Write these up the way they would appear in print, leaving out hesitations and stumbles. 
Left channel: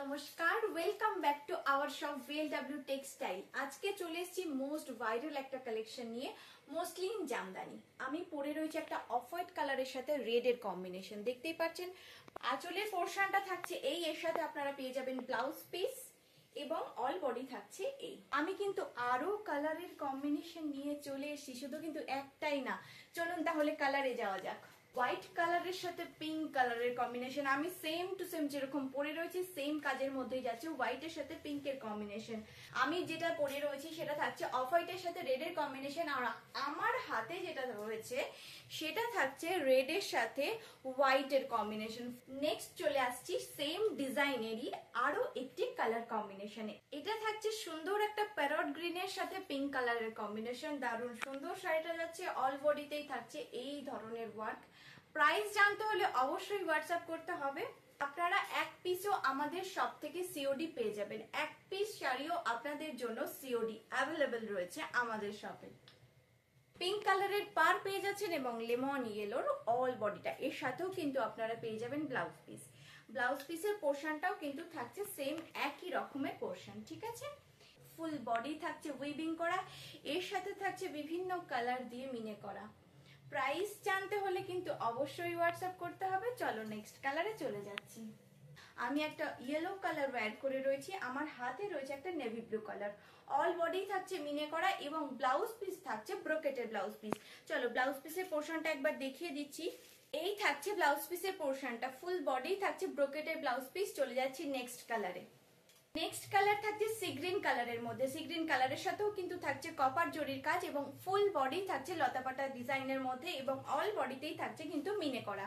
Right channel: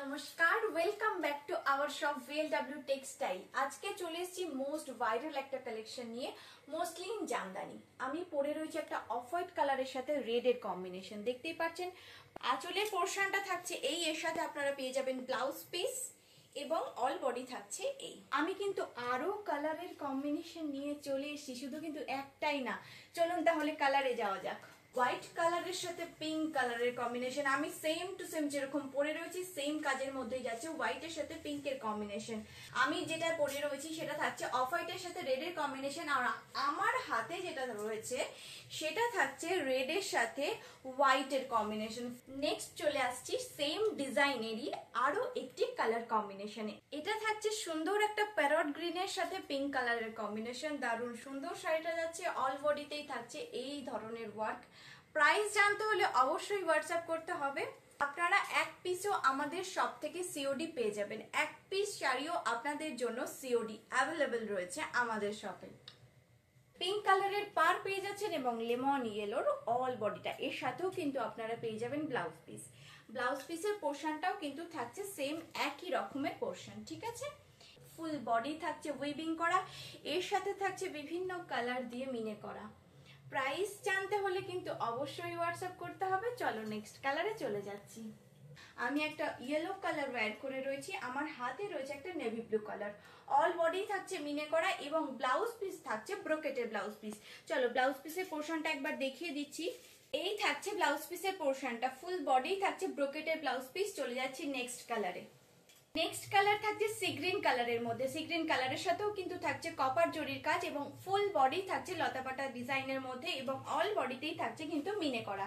নমস্কার, welcome back to our shop VLW textile. আজকে চলে এসেছি মোস্ট ভাইরাল একটা কালেকশন নিয়ে, মসলিন জামদানি। আমি পরে রয়েছে একটা অফ হোয়াইট কালারের সাথে রেড এর কম্বিনেশন, দেখতেই পাচ্ছেন। আঁচলের পোর্শনটা থাকছে এই, এর সাথে আপনারা পেয়ে যাবেন ব্লাউজ পিস এবং অল বডি থাকছে এই। আমি কিন্তু আরো কালারের কম্বিনেশন নিয়ে চলে এসেছি, শুধু কিন্তু একটাই না। চলুন তাহলে কালারে যাওয়া যাক। হোয়াইট কালারের সাথে পিঙ্ক কালারের কম্বিনেশন, আমি সেম টু সেম যেরকম পরে রয়েছি সেম কাজের মধ্যেই যাচ্ছে। হোয়াইটের সাথে পিঙ্কের কম্বিনেশন, আমি যেটা পরে রয়েছি সেটা থাকছে অফ হোয়াইটের সাথে রেডের কম্বিনেশন। আর আমার হাতে যেটা রয়েছে সেটা থাকছে রেডের সাথে হোয়াইটের কম্বিনেশন। নেক্সট চলে আসছি সেম ডিজাইনেরই আরো একটি কালার কম্বিনেশনে। এটা থাকছে সুন্দর একটা প্যারট গ্রিনের সাথে পিঙ্ক কালারের কম্বিনেশন। দারুণ সুন্দর শাড়িটা যাচ্ছে, অল বডিতেই থাকছে এই ধরনের ওয়ার্ক। প্রাইস জানতে হলে অবশ্যই হোয়াটসঅ্যাপ করতে হবে। আপনারা এক পিসও আমাদের শপ থেকে সিওডি পেয়ে যাবেন, এক পিস শাড়িও আপনাদের জন্য সিওডি অ্যাভেলেবেল রয়েছে আমাদের শপে। পিঙ্ক কালারের পার পেয়ে যাচ্ছেন এবং লেমন ইয়েলোর অল বডিটা, এর সাথেও কিন্তু আপনারা পেয়ে যাবেন ব্লাউজ পিস। ব্লাউজ পিসের পোর্শনটাও কিন্তু থাকছে সেম একই রকমের পোর্শন, ঠিক আছে। ফুল বডি থাকছে উইভিং করা, এর সাথে থাকছে বিভিন্ন কালার দিয়ে মিনে করা। প্রাইস জানতে হলে কিন্তু অবশ্যই হোয়াটসঅ্যাপ করতে হবে। চলো নেক্সট কালারে চলে যাচ্ছি। আমি একটা ইয়েলো কালার ওয়্যার করে রয়েছি, আমার হাতে রয়েছে একটা navy blue colour. All body থাকছে মিনে করা এবং ব্লাউজ পিস থাকছে ব্রোকেটের ব্লাউজ পিস। চলো ব্লাউজ পিসের পোর্শনটা একবার দেখিয়ে দিচ্ছি। এই থাকছে ব্লাউজ পিসের পোর্শনটা, ফুল বডি থাকছে ব্রোকেটের ব্লাউজ পিস। চলে যাচ্ছি নেক্সট কালারে। নেক্সট কালার থাকছে সি গ্রিন কালারের মধ্যে। সি গ্রিন কালারের সাথেও কিন্তু থাকছে কপার জরির কাজ এবং ফুল বডি থাকছে লতাপাতা ডিজাইনের মধ্যে এবং অল বডিতেই থাকছে কিন্তু মিনে করা।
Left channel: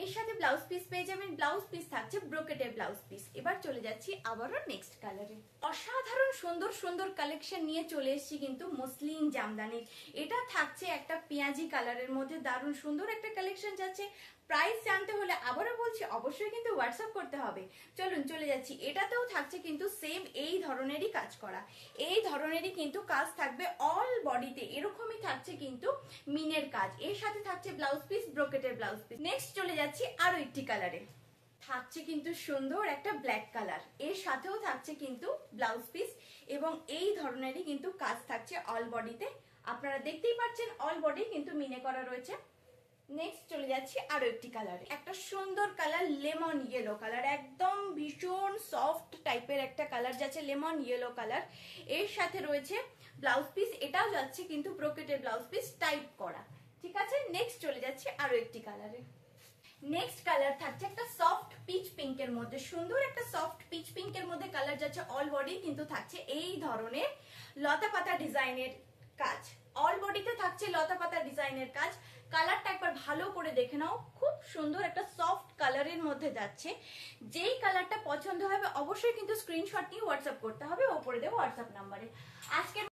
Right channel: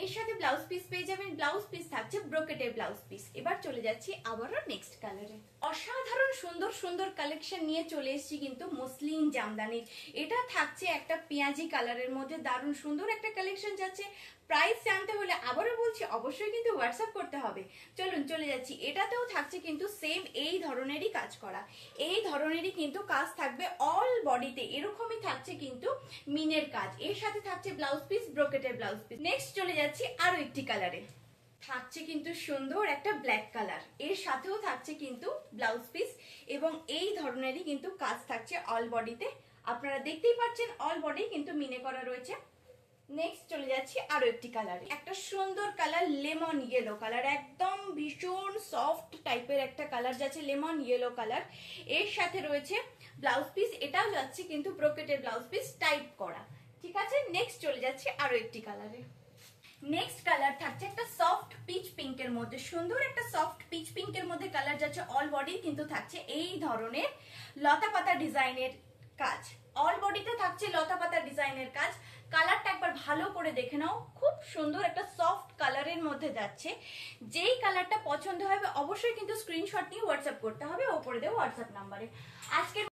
এর সাথে ব্লাউজ পিস পেয়ে যাবেন, ব্লাউজ পিস থাকছে ব্রোকেটের ব্লাউজ পিস। এবার চলে যাচ্ছি আবারও নেক্সট কালারে। অসাধারণ সুন্দর সুন্দর কালেকশন নিয়ে চলে এসেছি কিন্তু মসলিন জামদানির। এটা থাকছে একটা পেঁয়াজি কালারের মধ্যে, দারুণ সুন্দর একটা কালেকশন যাচ্ছে। প্রাইস জানতে হলে আবারও বলছি অবশ্যই কিন্তু হোয়াটসঅ্যাপ করতে হবে। চলুন চলে যাচ্ছি। এটাতেও থাকছে কিন্তু সেম এই ধরনেরই কাজ করা, এই ধরনেরই কিন্তু কাজ থাকবে অল বডিতে, এরকমই থাকছে কিন্তু মিনের কাজ। এর সাথে থাকছে ব্লাউজ পিস ব্রোকেটের ব্লাউজ পিস। নেক্সট চলে যাচ্ছি আরো একটি কালারে। থাকছে কিন্তু সুন্দর একটা ব্ল্যাক কালার, এর সাথেও থাকছে কিন্তু ব্লাউজ পিস এবং এই ধরনেরই কিন্তু কাজ থাকছে অল বডিতে। আপনারা দেখতেই পাচ্ছেন অল বডি কিন্তু মিনে করা রয়েছে। নেক্সট চলে যাচ্ছি আরো একটি কালারে, একটা সুন্দর কালার লেমন ইয়েলো কালার, একদম ভীষণ সফট টাইপের একটা কালার যাচ্ছে লেমন ইয়েলো কালার। এর সাথে রয়েছে ব্লাউজ পিস, এটাও যাচ্ছে কিন্তু ব্রোকেটের ব্লাউজ পিস টাইপ করা, ঠিক আছে। নেক্সট চলে যাচ্ছি আরো একটি কালারে। নেক্সট কালার থাকছে একটা সফট পিচ পিঙ্কের মধ্যে, সুন্দর একটা সফট পিচ পিঙ্কের মধ্যে কালার যাচ্ছে। অল বডি কিন্তু থাকছে এই ধরনের লতা পাতা ডিজাইনের কাজ, অল বডিতে থাকছে লতা পাতা ডিজাইনের কাজ। কালারটা একবার ভালো করে দেখে নাও, খুব সুন্দর একটা সফট কালারের মধ্যে যাচ্ছে। যেই কালারটা পছন্দ হবে অবশ্যই কিন্তু স্ক্রিনশট নিয়ে হোয়াটসঅ্যাপ করতে হবে, ওপরে দেবো হোয়াটসঅ্যাপ নাম্বারে। আজকে